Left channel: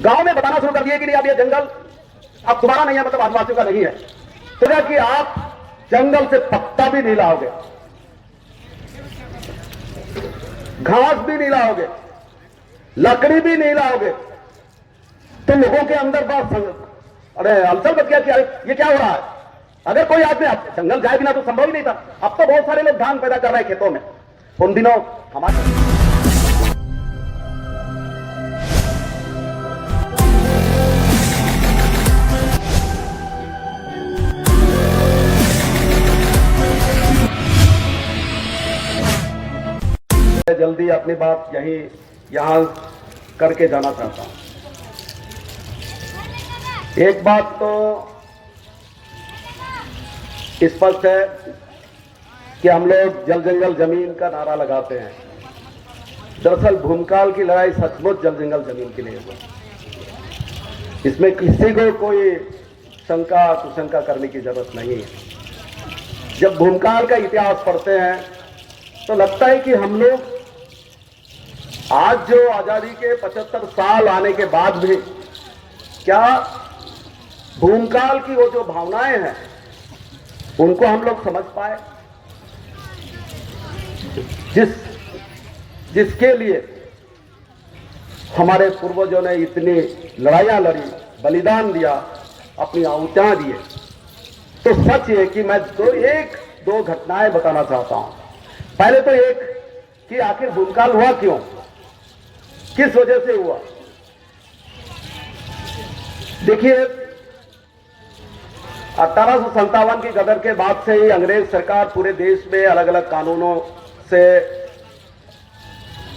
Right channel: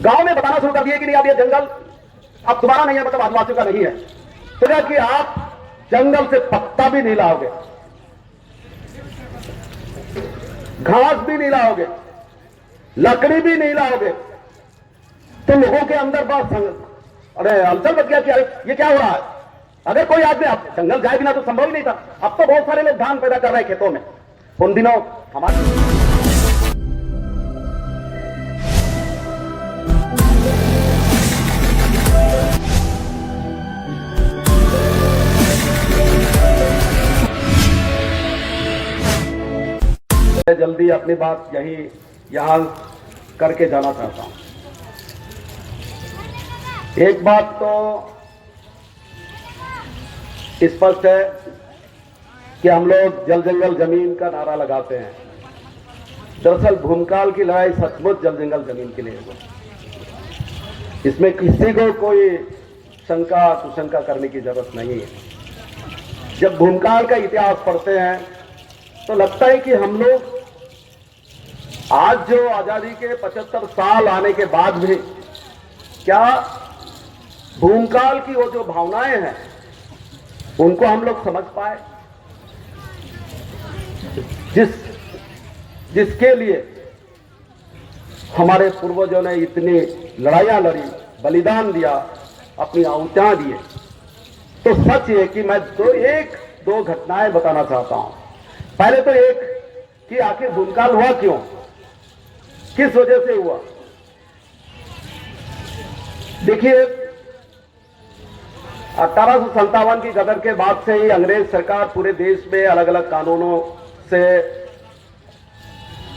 गांव में बताना शुरू कर दिए कि नहीं अब ये जंगल अब तुम्हारा नहीं है, मतलब आदिवासियों का नहीं है। तो कि आप जंगल से पत्ता भी नहीं लाओगे, घास भी नहीं लाओगे, लकड़ी भी नहीं लाओगे, तो लोगों के अंदर बात अरे हलचल बच गया कि अरे ये क्या हो रहा है। अगर कोई आदमी जंगल जाए बिना तो संभव ही नहीं था। अब तो बहुत सारे लोग धान पैदा कर रहे हैं खेतों में। उन दिनों हमारे जल्दी अपनी बात यहां करके जाना चाहता हूं। एक बात तो स्पष्ट है कि हम लोग जल जंगल जमीन का नारा लगाते हैं। दरअसल भूमकाल की लड़ाई सचमुच जल जंगल जमीन के लिए है। इसमें किसी को कोई शंका कुशंका करने की जरूरत नहीं है। जब भूमकाल का इतिहास पढ़ते हैं तो लगता है कि हम लोग आज जो आजादी के 75 साल आने के बाद भी क्या भूमकाल की वो जो भावनाएं हैं उनको हम लोग समझ पाए, जिसके लिए हमारे पूर्वजों ने इतनी लड़ाइयां लड़ी, बलिदान दिया, अपनी आहुतियां दिए। तो सच ये कि मैं एक दो घटनाएं बताना चाहता हूं। पहले तो एक कि आखिर भूमकाल हुआ क्यों, किस वजह से हुआ। देखिए 1857 की गदर के बाद से ही अंग्रेज सरकार पूरे देश में अलग अलग कानूनों से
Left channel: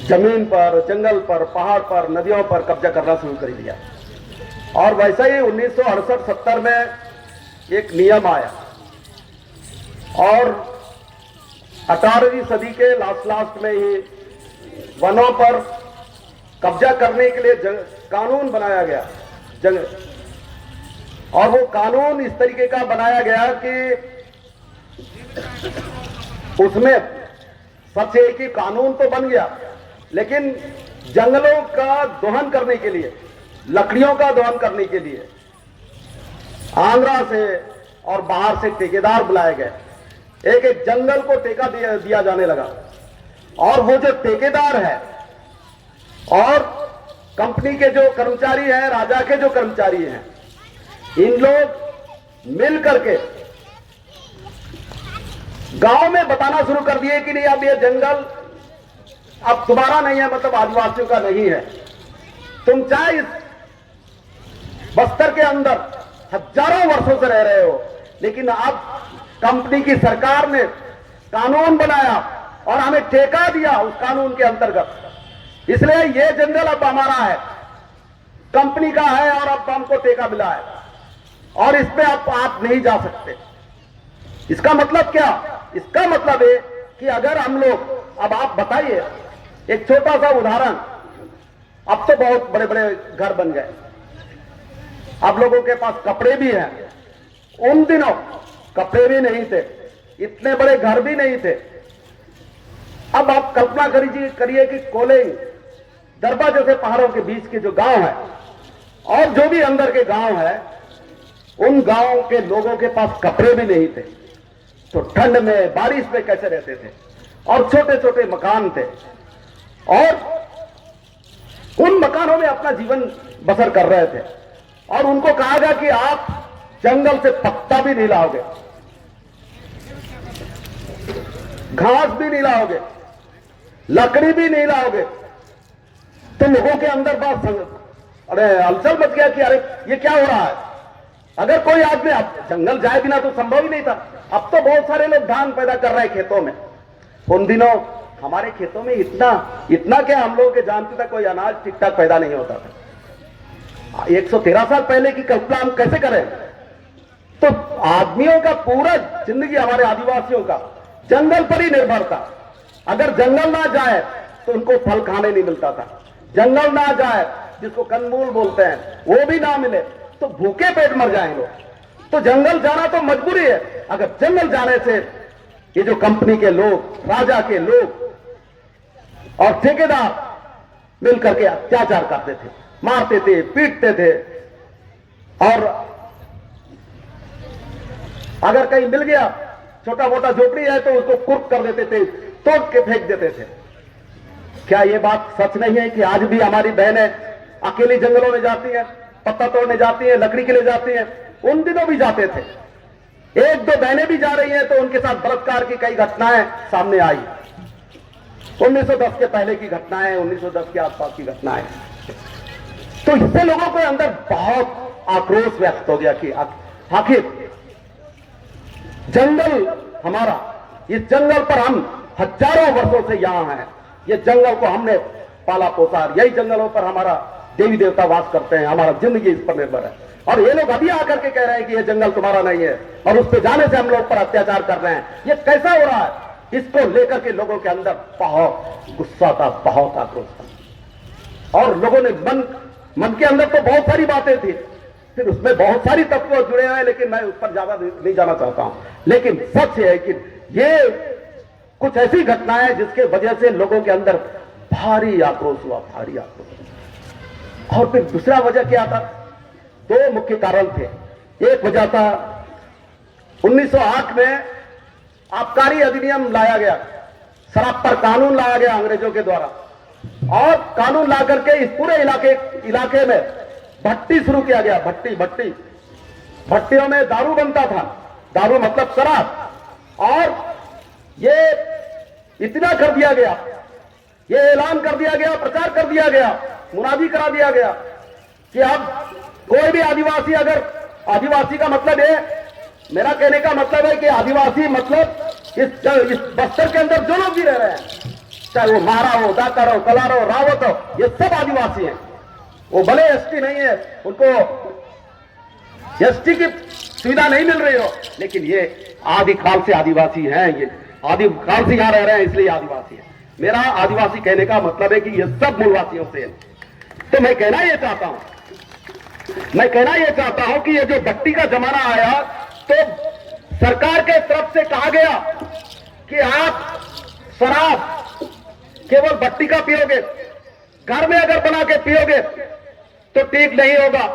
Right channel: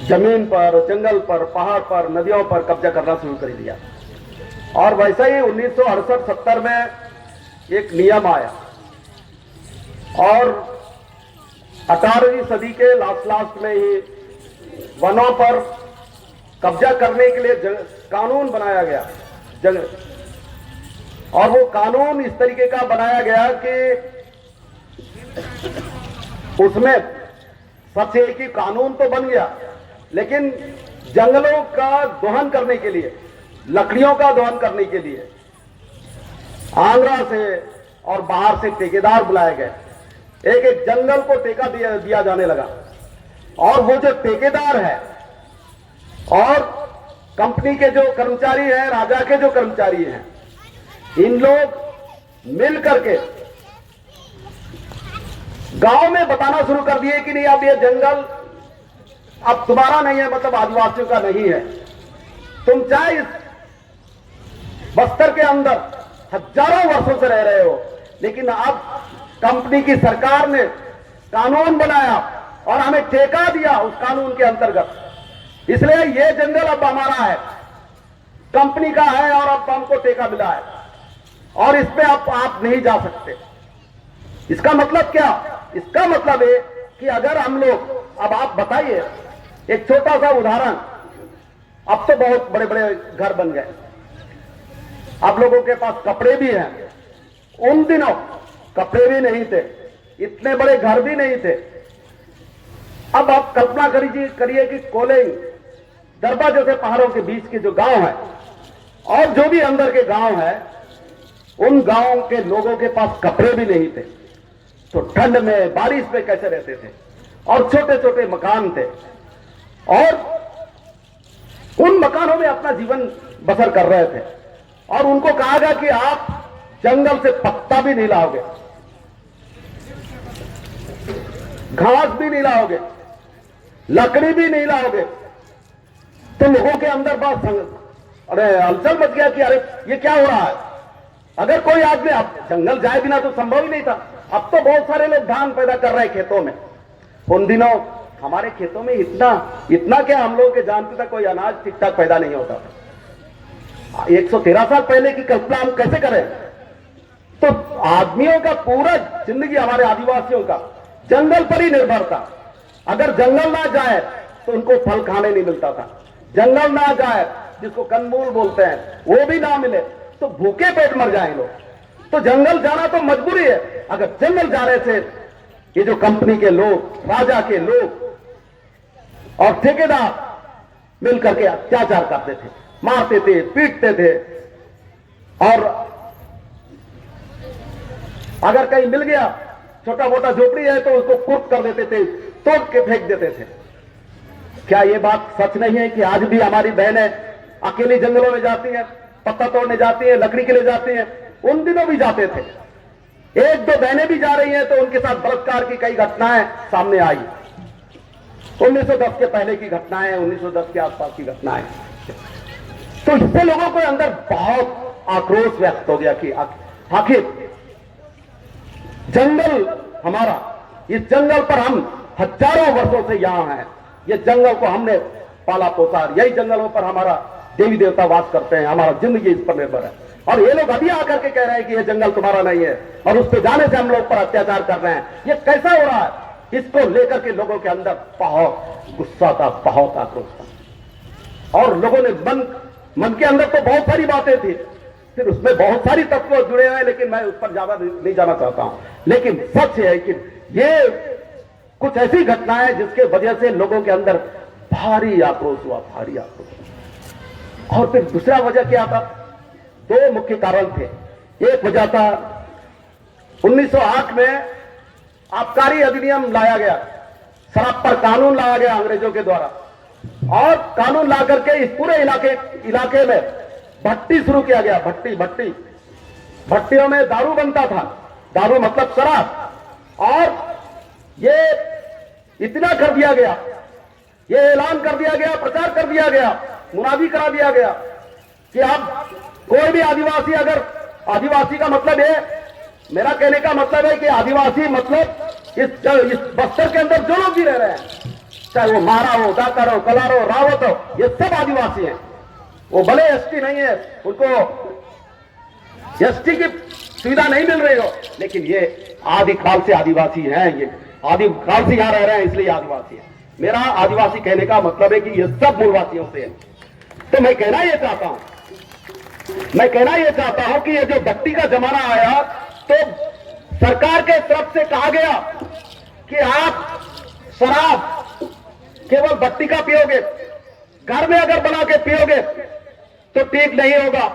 जमीन पर, जंगल पर, पहाड़ पर, नदियों पर कब्जा करना शुरू कर दिया। और वैसा ही 1968-70 में एक नियम आया और 18वीं सदी के लास्ट में ही वनों पर कब्जा करने के लिए कानून बनाया गया। और वो कानून इस तरीके का बनाया गया कि उसमें सबसे एक ही कानून तो बन गया, लेकिन जंगलों का दोहन करने के लिए, लकड़ियों का दोहन करने के लिए आंध्रा से और बाहर से ठेकेदार बुलाए गए। एक एक जंगल को ठेका दिया जाने लगा। और वो जो ठेकेदार है और कंपनी के जो कर्मचारी हैं, राजा के जो कर्मचारी हैं, इन लोग मिल करके गांव में बताना शुरू कर दिए कि नहीं अब ये जंगल अब तुम्हारा नहीं है, मतलब आदिवासियों का नहीं है। तुम चाहे इस बस्तर के अंदर हजारों वर्षों से रह रहे हो, लेकिन अब कंपनी की सरकार ने कानून बनाया और हमें ठेका दिया उस कानून के अंतर्गत, इसलिए ये जंगल अब हमारा है, कंपनी का है और अब हमको ठेका मिला है और इस पे आप नहीं जा सकते। इसका मतलब क्या? इसका मतलब है कि अगर हम लोग, अब आप बताइए एक छोटा सा उदाहरण, अब तो बहुत बड़े बड़े घर बन गए, अब लोगों के पास कपड़े भी हैं। उन दिनों कपड़े भी नहीं थे, इतने बड़े घर भी नहीं थे। अब आप कल्पना करिए कि कोलें, दरबा जैसे पहाड़ों के बीच के जो गांव है और जो भी अंदर के गांव है, उन गांवों के लोगों के पास कपड़े भी नहीं थे, तो ठंड में, बारिश में कैसे रहते थे। और छोटे छोटे मकान थे और उन मकानों में अपना जीवन बसर कर रहे थे। और उनको कहा गया कि आप जंगल से पत्ता भी नहीं लाओगे, घास भी नहीं लाओगे, लकड़ी भी नहीं लाओगे। तो लोगों के अंदर बात अरे हलचल मच गया कि अरे ये क्या हो रहा है। अगर कोई आदमी जंगल जाए बिना तो संभव ही नहीं था। अब तो बहुत सारे लोग धान पैदा कर रहे हैं खेतों में। उन दिनों हमारे खेतों में इतना क्या, हम लोग के जानते थे कोई अनाज ठीक ठाक पैदा नहीं होता था। 113 साल पहले की कल्पना हम कैसे करें। तो आदमियों का पूरा जिंदगी, हमारे आदिवासियों का जंगल पर ही निर्भर था। अगर जंगल ना जाए तो उनको फल खाने नहीं मिलता था। जंगल ना जाए, जिसको कंदमूल बोलते हैं, वो भी ना मिले तो भूखे पेट मर जाए लोग। तो जंगल जाना तो मजबूरी है। अगर जंगल जाने से ये जो कंपनी के लोग, राजा के लोग और ठेकेदार मिलकर के अत्याचार करते थे, मारते थे, पीटते थे, और अगर कहीं मिल गया छोटा मोटा झोपड़ी है तो उसको कुर्क कर देते थे, तोड़ के फेंक देते थे। क्या ये बात सच नहीं है कि आज भी हमारी बहनें अकेली जंगलों में जाती हैं, पत्ता तोड़ने जाती हैं, लकड़ी के लिए जाती हैं? उन दिनों भी जाते थे। एक दो बहनें भी जा रही हैं तो उनके साथ बलात्कार की कई घटनाएं सामने आई। 1910 के पहले की घटनाएं, 1910 के आसपास की घटनाएं। तो इससे लोगों के अंदर बहुत आक्रोश व्यक्त हो गया कि आखिर जंगल हमारा, इस जंगल पर हम हजारों वर्षों से यहां हैं, ये जंगल को हमने पाला पोसा, यही जंगलों पर हमारा देवी देवता वास करते हैं, हमारा जिंदगी इस पर निर्भर है। और ये लोग अभी आकर के कह रहे हैं कि ये जंगल तुम्हारा नहीं है और उस पर जाने से हम लोग पर अत्याचार कर रहे हैं। ये कैसा हो रहा है? इसको लेकर के लोगों के अंदर बहुत गुस्सा था, बहुत आक्रोश था। और लोगों ने मन के अंदर तो बहुत सारी बातें थी, फिर उसमें बहुत सारी तत्व जुड़े हुए हैं, लेकिन मैं उस पर ज्यादा नहीं जाना चाहता हूं। लेकिन सच है कि ये कुछ ऐसी घटनाएं जिसके वजह से लोगों के अंदर भारी आक्रोश हुआ, भारी आक्रोश। और फिर दूसरा वजह क्या था? दो मुख्य कारण थे। एक वजह था 1908 में आबकारी अधिनियम लाया गया, शराब पर कानून लाया गया अंग्रेजों के द्वारा, और कानून ला करके इस पूरे इलाके में भट्टी शुरू किया गया। भट्टियों में दारू बनता था, दारू मतलब शराब। और ये इतना कर दिया गया, ये ऐलान कर दिया गया, प्रचार कर दिया गया, मुनादी करा दिया गया कि अब कोई भी आदिवासी, अगर आदिवासी का मतलब है, मेरा कहने का मतलब है कि आदिवासी मतलब इस बस्तर के अंदर जो लोग भी रह रहे हैं, चाहे वो मारा हो, दाकर हो, कलार हो, रावत हो, ये सब आदिवासी हैं। वो भले एसटी नहीं है, उनको एसटी की सुविधा नहीं मिल रही हो, लेकिन ये आदिकाल से आदिवासी हैं, ये आदिकाल से यहां रह रहे हैं, इसलिए आदिवासी है। मेरा आदिवासी कहने का मतलब है कि ये सब मूलवासियों से है। तो मैं कहना यह चाहता हूं कि ये जो भट्टी का जमाना आया तो सरकार के तरफ से कहा गया कि आप शराब केवल भट्टी का पियोगे, घर में अगर बना के पियोगे तो ठीक नहीं होगा।